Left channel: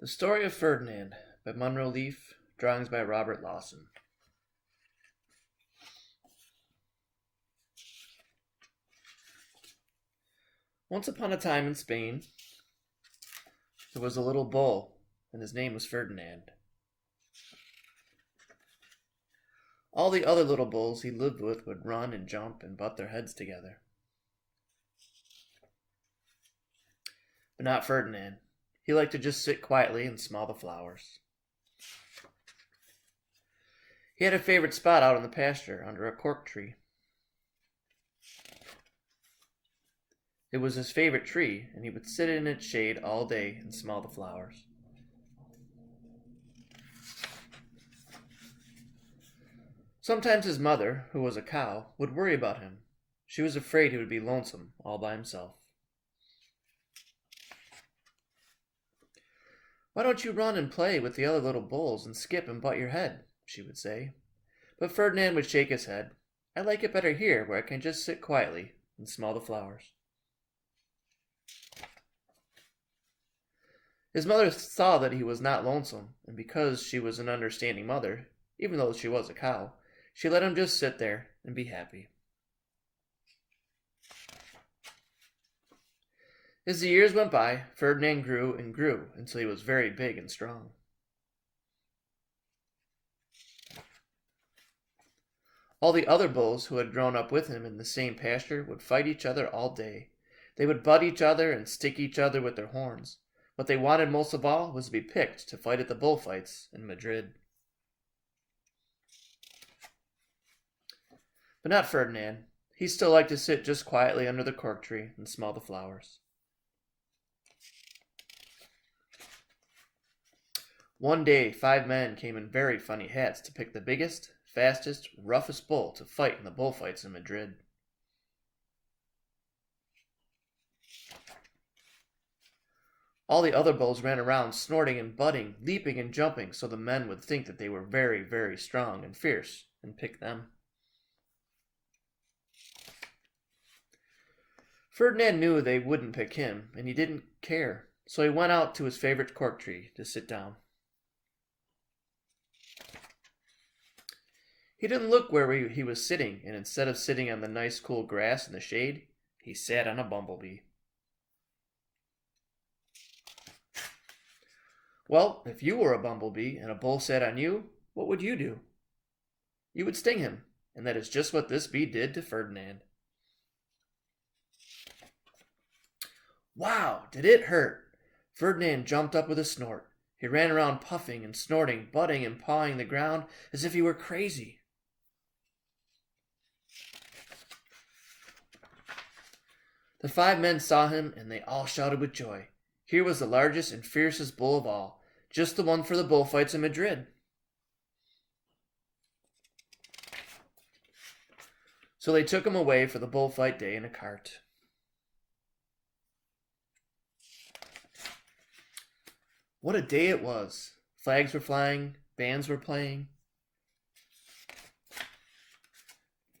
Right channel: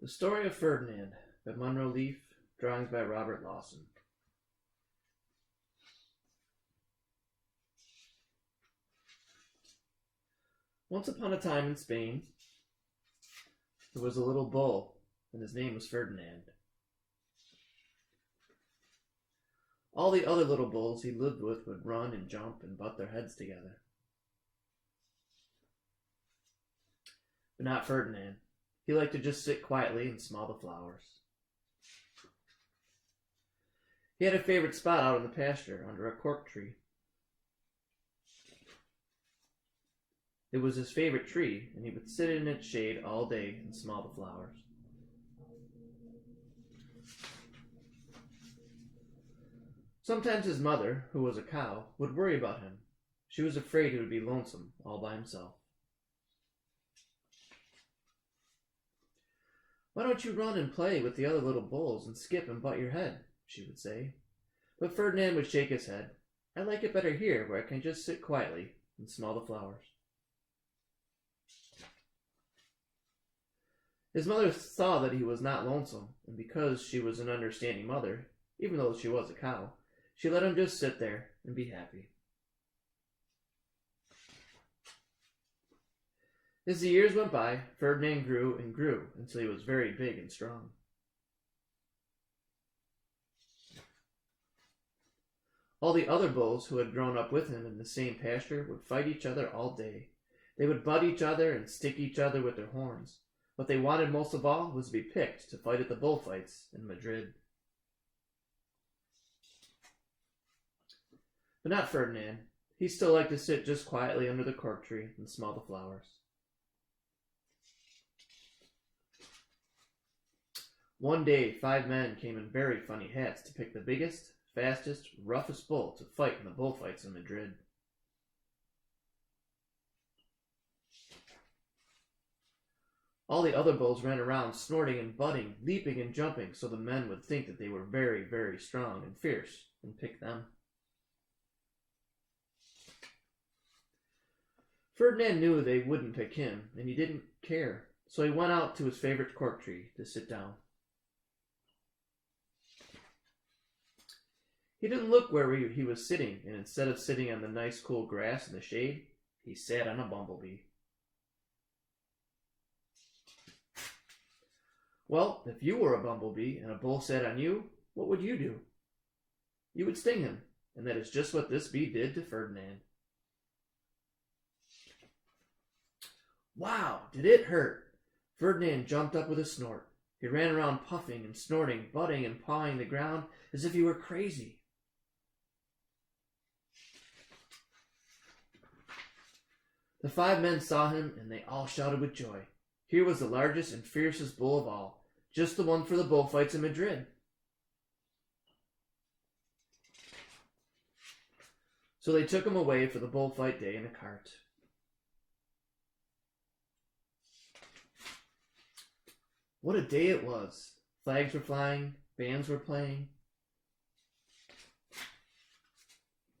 The Story of Ferdinand by Munro Leaf, drawings by Robert Lawson. Once upon a time in Spain, there was a little bull, and his name was Ferdinand. All the other little bulls he lived with would run and jump and butt their heads together. But not Ferdinand. He liked to just sit quietly and smell the flowers. He had a favorite spot out in the pasture under a cork tree. It was his favorite tree, and he would sit in its shade all day and smell the flowers. Sometimes his mother, who was a cow, would worry about him. She was afraid he would be lonesome all by himself. "Why don't you run and play with the other little bulls and skip and butt your head?" she would say. But Ferdinand would shake his head. "I like it better here, where I can just sit quietly and smell the flowers." His mother saw that he was not lonesome, and because she was an understanding mother, even though she was a cow, she let him just sit there and be happy. As the years went by, Ferdinand grew and grew until he was very big and strong. All the other bulls who had grown up with him in the same pasture would fight each other all day. They would butt each other and stick each other with their horns. What they wanted most of all was to be picked to fight at the bullfights in Madrid. But not Ferdinand. He still liked to sit just quietly under the cork tree and smell the flowers. One day, 5 men came in very funny hats to pick the biggest, fastest, roughest bull to fight in the bullfights in Madrid. All the other bulls ran around snorting and butting, leaping and jumping, so the men would think that they were very, very strong and fierce and pick them. Ferdinand knew they wouldn't pick him, and he didn't care, so he went out to his favorite cork tree to sit down. He didn't look where he was sitting, and instead of sitting on the nice cool grass in the shade, he sat on a bumblebee. Well, if you were a bumblebee and a bull sat on you, what would you do? You would sting him, and that is just what this bee did to Ferdinand. Wow, did it hurt! Ferdinand jumped up with a snort. He ran around puffing and snorting, butting and pawing the ground as if he were crazy. The 5 men saw him, and they all shouted with joy. Here was the largest and fiercest bull of all, just the one for the bullfights in Madrid. So they took him away for the bullfight day in a cart. What a day it was! Flags were flying, bands were playing,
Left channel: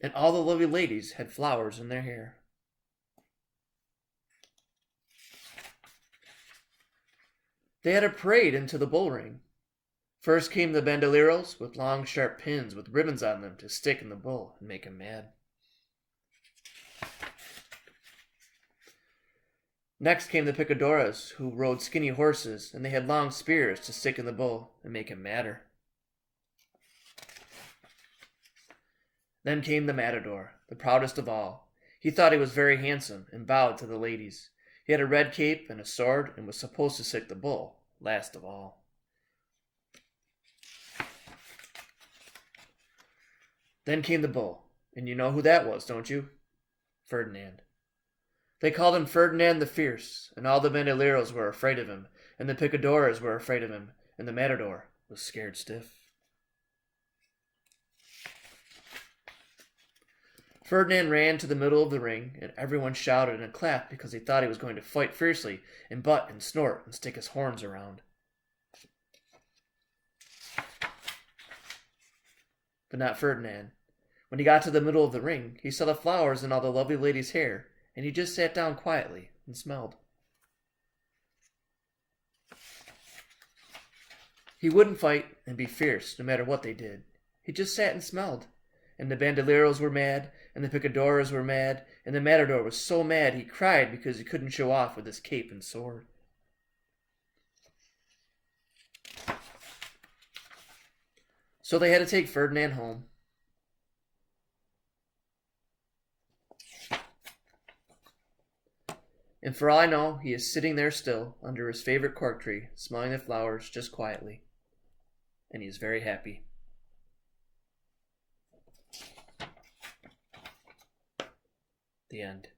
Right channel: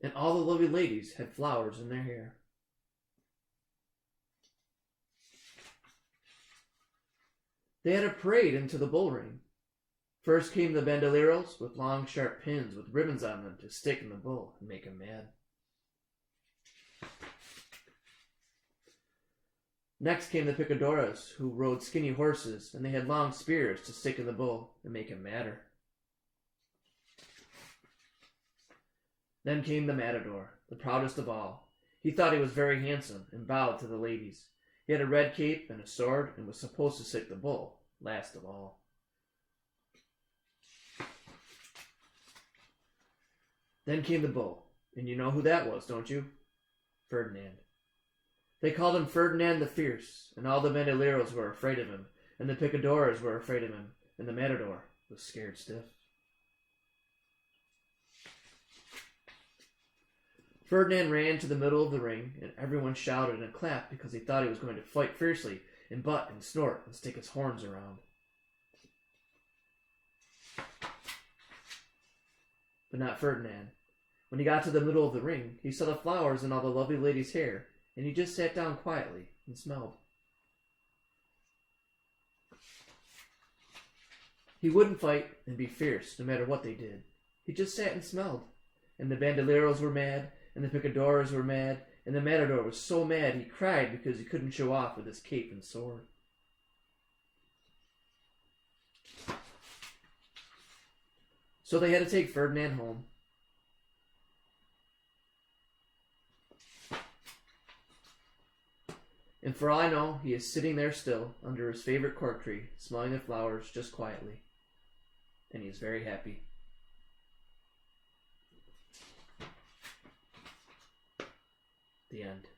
and all the lovely ladies had flowers in their hair. They had a parade into the bull ring. First came the bandoleros with long sharp pins with ribbons on them to stick in the bull and make him mad. Next came the picadoras, who rode skinny horses, and they had long spears to stick in the bull and make him madder. Then came the matador, the proudest of all. He thought he was very handsome and bowed to the ladies. He had a red cape and a sword and was supposed to stick the bull last of all. Then came the bull, and you know who that was, don't you? Ferdinand. They called him Ferdinand the Fierce, and all the bandoleros were afraid of him, and the picadoras were afraid of him, and the matador was scared stiff. Ferdinand ran to the middle of the ring, and everyone shouted and clapped because he thought he was going to fight fiercely and butt and snort and stick his horns around. But not Ferdinand. When he got to the middle of the ring, he saw the flowers in all the lovely ladies' hair, and he just sat down quietly and smelled. He wouldn't fight and be fierce no matter what they did. He just sat and smelled. And the bandoleros were mad, and the picadoras were mad, and the matador was so mad he cried because he couldn't show off with his cape and sword. So they had to take Ferdinand home. And for all I know, he is sitting there still, under his favorite cork tree, smelling the flowers just quietly. And he is very happy. The end.